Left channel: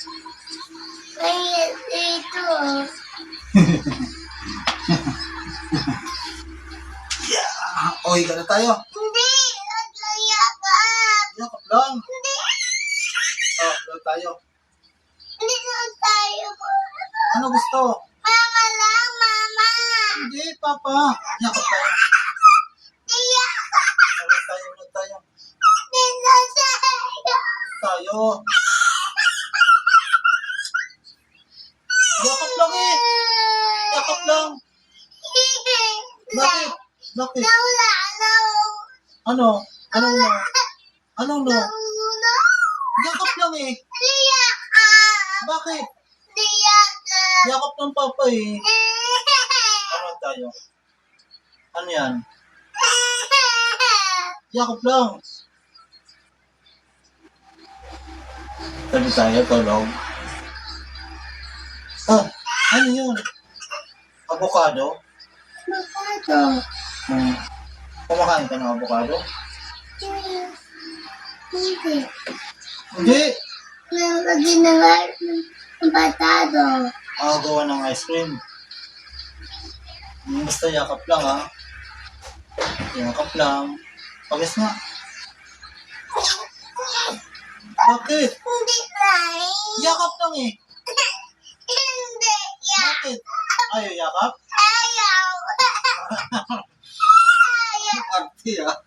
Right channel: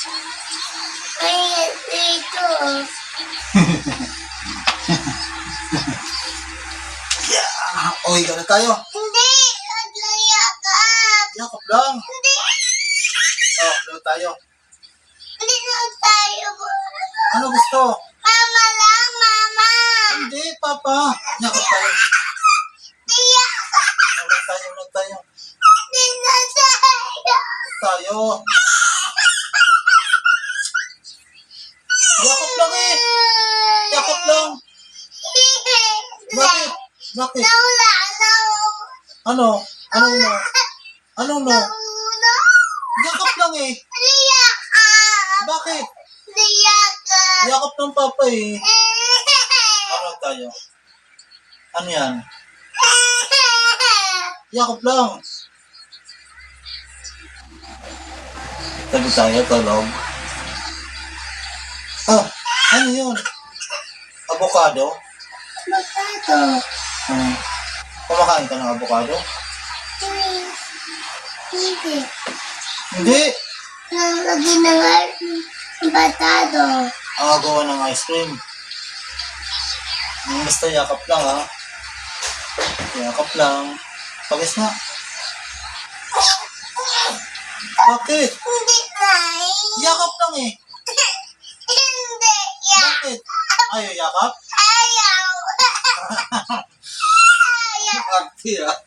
Ay, ito. Yeah. Okay ka na tayo. Hindi! Maglayakap! Yakap lang. Hindi! Oh, doon tayo. Hindi na tayo. Ano gusto? Mama lang, mama! Hindi, Papa. Yakap tayo. Tiya! Ulit tayo, ulit tayo. Hindi na tayo. Tayo. Yakap lang eh. Yakap lang. Bakit? Bakit? Nawala na. Ano? Ano no? Ano no? Nawala. Yakap lang eh. Tiyakap! Bakit? Tiyakap! Yakap ng Papa eh. Ano tayo? Ano yan? Yakap lang. Tabi tayo, tulog. Ah, ano yun? Avocado? Avocado. Hmm. Kumakain ka ng avocado? Hindi. Hindi. Lagi na nga ng batado. Gawa ng ice cream. Basta yakap lang ha. Yakap lang. Pagis na. Bakit? Hindi tayo. Yakap lang eh. Hindi. Bakit? Ayaw yakap? Ayaw. Ayaw. Arte ah.